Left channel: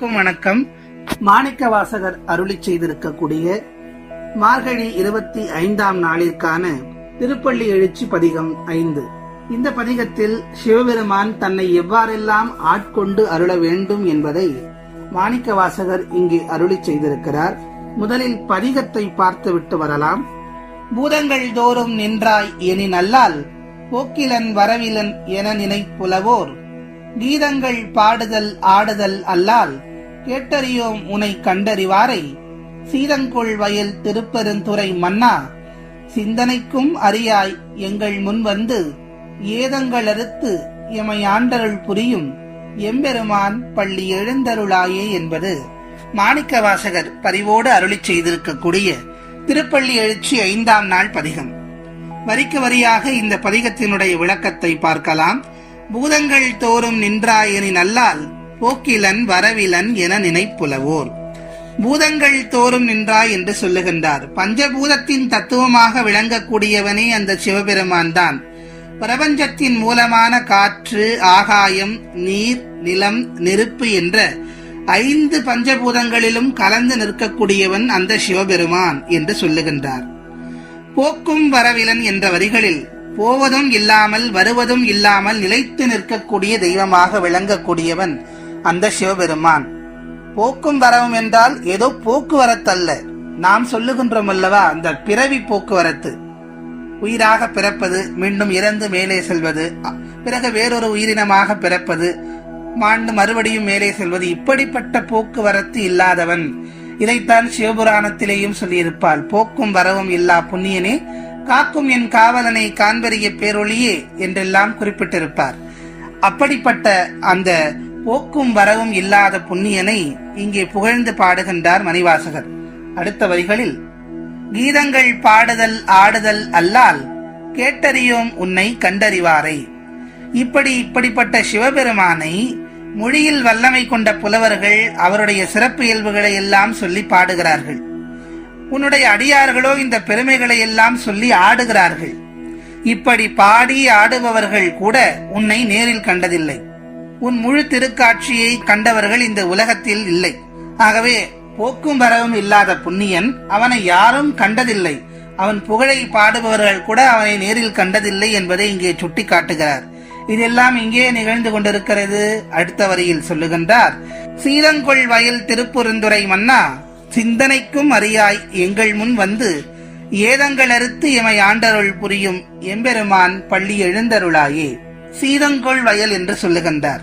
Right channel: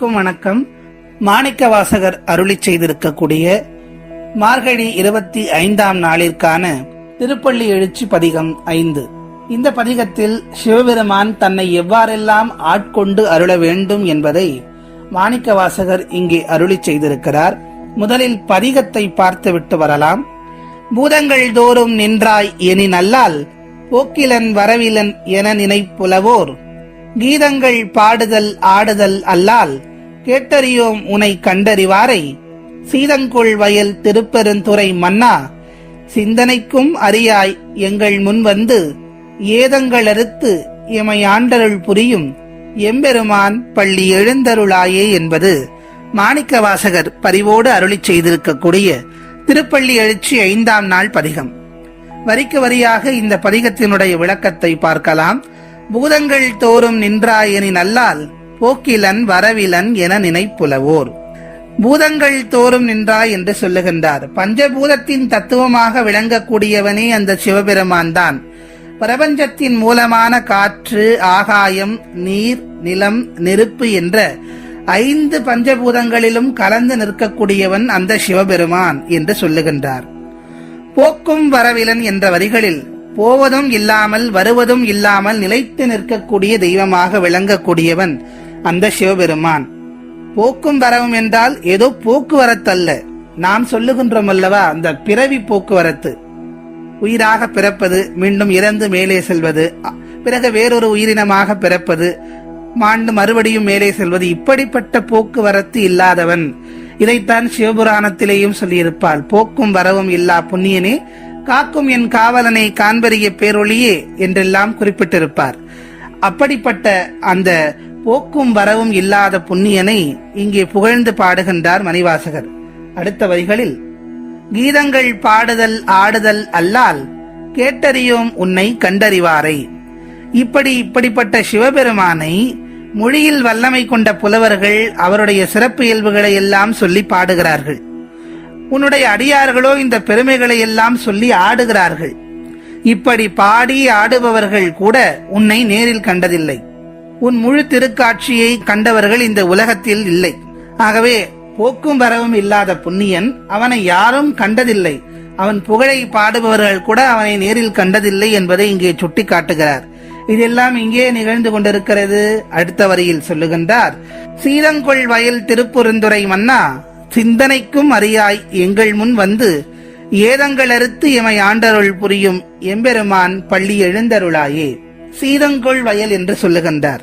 அனைவருக்கும் வணக்கம். மாணிக்கவாசகர் அருளி செய்திருக்கக்கூடிய மார்கழி 25ஆம் நாளிற்கான திருப்பள்ளி எழுச்சி பதிகம் 5. இந்த பதிகத்தில் சிவபெருமான் தன்னை எவ்வாறெல்லாம் ஆட்கொண்டு அருள வேண்டும் என்பதை மாணிக்கவாசகர் இங்கே அருளி செய்திருக்கிறார். முதலில் பதிகத்தை பார்த்துவிட்டு வரலாம். பூதங்கள் தோறும் நின்றாய் எனின் அல்லால் போக்கிலன் வரவிலன் என நினைப்புலவோர் கீதங்கள் பாடுதல் ஆடுதல் அல்லால் கேட்டறியோம் உனை கண்டறிவாரை சீதங்கொள் வயல் திருப்பெருந்துறை மன்னா சிந்தனைக்கும் அறியாய் எங்கள் முன் வந்து ஏதங்களறுத்து எமை ஆண்டருள் புரியும் எம்பெருமான் பள்ளி எழுந்தருளாயே என்பது மாணிக்கவாசகர் பரிவோடு அருளி செய்திருக்கக்கூடிய திருப்பள்ளி எழுச்சி 5ஆம் நாள் பதிகம். வரிக்கு வரியாக இந்த பதிகத்தினுடைய விளக்கத்தை பார்க்கலாம். பூதங்கள் தோறும் நின்றாயனின் அல்லால் போக்கிலன் வரவிலன் என நினைப்புலவோர். பூதங்கள் தோறும் நின்றாய் என்று சொல்லுகின்றார். பஞ்சபூதத்தின் தத்துவமாக விளங்கக்கூடியவனே அந்த சிவபெருமான் தான். பிரபஞ்சத்தின் மூலமான காற்று, ஆகாயம், நீர், நிலம், நெருப்பு என்ற 5 பஞ்சபூதங்களிலும் கலந்து நிற்கக்கூடியவன் அந்த சிவபெருமான் என்று சொல்லுகின்றார். போக்கும் வரவிலன் என்ற வரிகளில் போவதும் இல்லாமல் வருவதும் இல்லாமல் நிலைத்து நிற்கக்கூடிய தெய்வமாக விளங்கக்கூடியவன் அந்த சிவபெருமான். போக்கும் வரவும் என்றால் ஏதோ போக்குவரத்து அல்ல. நாம் சொல்லுகின்றோம் அல்லவா, அந்த பிறவி போக்குவரத்து. உயிராக பிறப்பது, மீண்டும் இறந்து மேலே செல்வது, பிறகு வேறொரு உயிரினமாக பிறப்பது, மாண்டு மறுபடியும் மேலே செல்வது, இப்படிப்பட்ட போக்குவரத்து இல்லாதவன். இதைத்தான் சிவபுராணத்திலேயும் சொல்லியிருப்பாள். போக்கும் வரவும் இல்லா புண்ணியனே காக்கும் என் காவலனை காண்பறிய பேரொழியே என்றெல்லாம் குறிப்பிட்டிருப்பார். அப்படிப்பட்ட அந்த போக்கும் வரவும் இல்லாத புண்ணியனை இங்கே புகழ்ந்து பாடுகின்றார் மணிவாசகர். அடுத்த வரிகளில் கீதங்கள் பாடுதல் ஆடுதல் அல்லால் கேட்டறியோம் உன்னை கண்டறிவாரை. இப்படிப்பட்ட சிவபெருமானை மொழியில் வல்லமை கொண்ட புலவர்கள் அவருடைய சிறப்பு இயல்புகளை எல்லாம் சொல்லி பாடுகிறார்கள். உன்னுடைய அடியார்களோ இந்த பெருமைகளை எல்லாம் சொல்லி ஆடுகிறார்கள். இப்படி பாடி ஆடுபவர்கள் கூட உன்னை நேரில் கண்டதில்லை. உன் முழு திருக்காட்சியை கண்டவர்கள் இந்த உலகத்தில் இல்லை. ஆகவே போக்கும் வரவும் இல்லாத புண்ணியன், அவனை யாரும் கண்டதில்லை. அவன் புகழை பாடுபவர்கள் கூட அவனை நேரில் கண்டதில்லை என்பதை இங்கே சுட்டி காட்டுகிறார். இதெல்லாம் இங்கே நிகழ்ந்து கொண்டிருக்கிறது. அடுத்த வரியில் சொல்லுகின்றார், சீதங்கொள் வயல் திருப்பெருந்துறை மன்னா சிந்தனைக்கும் அறியாய் எங்கள் முன் வந்து ஏதங்களறுத்து எமை ஆண்டருள் புரியும் எம்பெருமான் பள்ளி எழுந்தருளாயே. சீதங்கொள் வயல் என்று சொல்லுகின்றார்.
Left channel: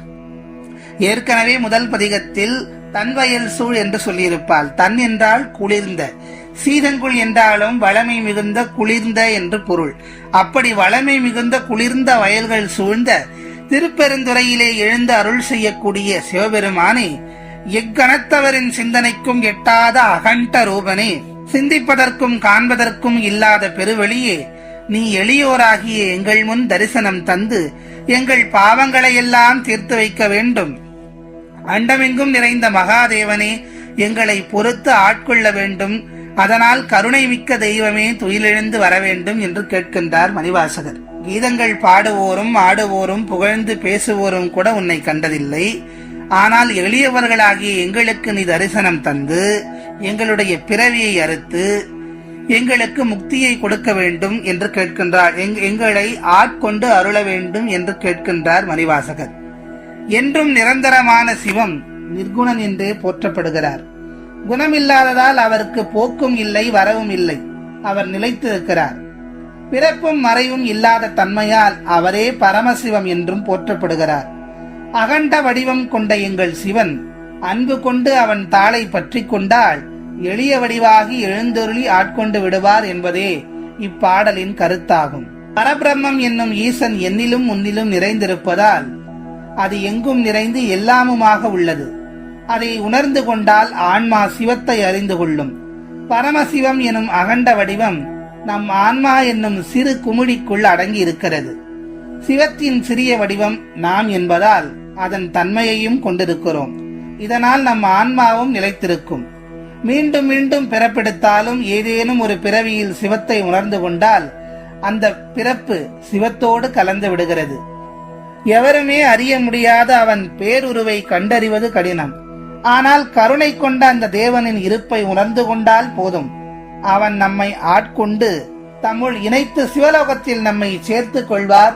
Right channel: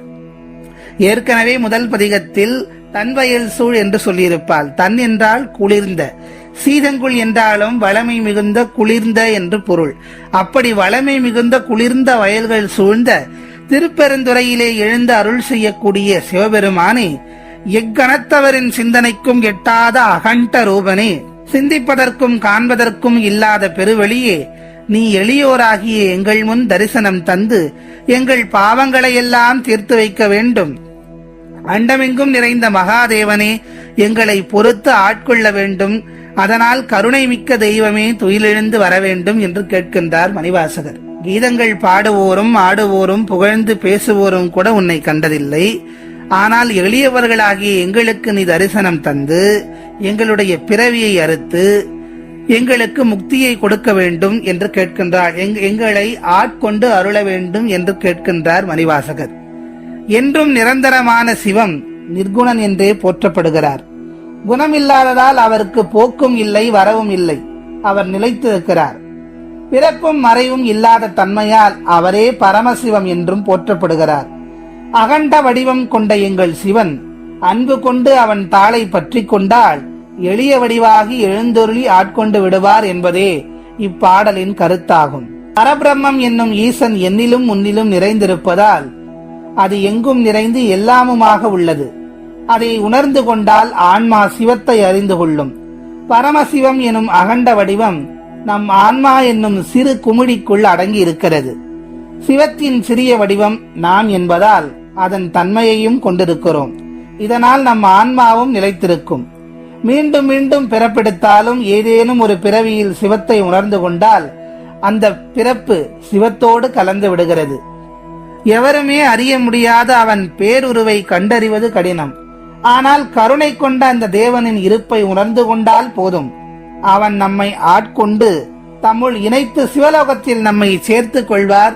ஏற்கனவே முதல் பதிகத்தில் தன் வயல் சூழ் என்று சொல்லியிருப்பாள். தன் என்றால் குளிர்ந்த, சீதங்குள் என்றாலும் வளமை மிகுந்த குளிர்ந்த என்று பொருள். அப்படி வளமை மிகுந்த குளிர்ந்த வயல்கள் சூழ்ந்த திருப்பெருந்துறையிலே எழுந்து அருள் செய்யக்கூடிய சிவபெருமானே, எக்கணத்தவரின் சிந்தனைக்கும் எட்டாத அகண்ட ரூபனே, சிந்திப்பதற்கும் காண்பதற்கும் இல்லாத பெருவெளியே, நீ எளியோராகிய எங்கள் முன் தரிசனம் தந்து எங்கள் பாவங்களை எல்லாம் தீர்த்து வைக்க வேண்டும். அண்டமெங்கும் நிறைந்த மகாதேவனே, எங்களை பொறுத்து ஆட்கொள்ள வேண்டும். அதனால் கருணை மிக்க தெய்வமே துயிலெழுந்து வர வேண்டும் என்று கேட்கின்றார் மணிவாசகர். கீதங்கள் பாடுவோரும் ஆடுவோரும் புகழ்ந்து பேசுவோரும் கூட உன்னை கண்டதில்லை. ஆனால் எளியவர்களாகிய எங்களுக்கு நீ தரிசனம் தந்து எங்களுடைய பிறவியை அறுத்து எங்களுக்கு முக்தியை கொடுக்க வேண்டும் என்று கேட்கின்றார். எங்களை ஆட்கொண்டு அருள வேண்டும் என்று கேட்கின்றார் மணிவாசகர். என்றும் நிரந்தரமான சிவம் நிர்குணன் என்றே போற்றப்படுகிறார். குணமில்லாததால் அவருக்கு போக்கும் இல்லை, வரவும் இல்லை. அவர் நிலைத்திருக்கிறார். பிறப்பும் மறைவும் இல்லாத தன்மையால் அவரே பரமசிவம் என்றும் போற்றப்படுகிறார். அகண்ட வடிவம் கொண்ட எங்கள் சிவன் அன்பு கொண்டு அவன் தாளை பற்றி கொண்டால் எளிய வடிவாகி எழுந்தொருளி ஆட்கொண்டு விடுவார் என்பதே இப்பாடலின் கருத்தாகும். பரபிரம்மம் என்னும் ஈசன் என்னிலும் முன்னிலும் நிறைந்திருப்பதால் அது எங்கும் நிறைந்து எல்லாமுமாக உள்ளது. அதை உணர்ந்து கொண்டால் ஆன்மா சிவத்தை அறிந்து கொள்ளும். பரமசிவம் எனும் அகண்ட வடிவம் நம் ஆன்மா என்னும் சிறு குமிழிக்குள் அடங்கி இருக்கிறது. சிவத்தின் சிறிய வடிவம் நாம் என்பதால் அதன் தன்மையையும் கொண்டிருக்கிறோம். இதனால் நம் ஆன்மாவும் நிலைத்திருக்கும். மீண்டும் மீண்டும் பிறப்பெடுத்தாலும் ஏதேனும் ஒரு பிறவியில் சிவத்தை உணர்ந்து கொண்டால் அந்த பிறப்பு சிவத்தோடு கலந்து விடுகிறது. எவருமே அறிய முடியாத அவன் பேருருவை கண்டறிவது கடினம். ஆனால் கருணை கொண்ட அந்த தேவனின் இருப்பை உணர்ந்து கொண்டால் போதும், அவன் நம்மை ஆட்கொண்டு தம்முள் இணைத்து சிவலோகத்தில் நம்மை சேர்த்துக் கொள்வார்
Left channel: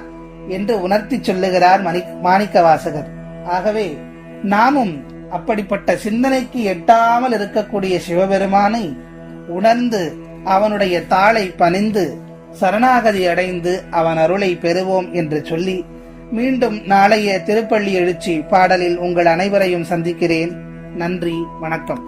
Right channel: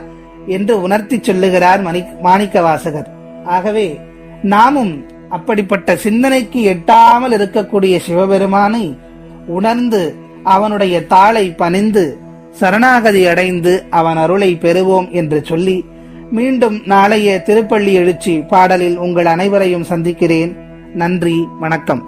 என்று உணர்த்தி சொல்லுகிறார் மாணிக்கவாசகர். ஆகவே நாமும் அப்படிப்பட்ட சிந்தனைக்கு எட்டாமல் இருக்கக்கூடிய சிவபெருமானை உணர்ந்து அவனுடைய தாளை பணிந்து சரணாகதி அடைந்து அவன் அருளை பெறுவோம் என்று சொல்லி மீண்டும் நாளைய திருப்பள்ளி எழுச்சி பாடலில் உங்கள் அனைவரையும் சந்திக்கிறேன். நன்றி, வணக்கம்.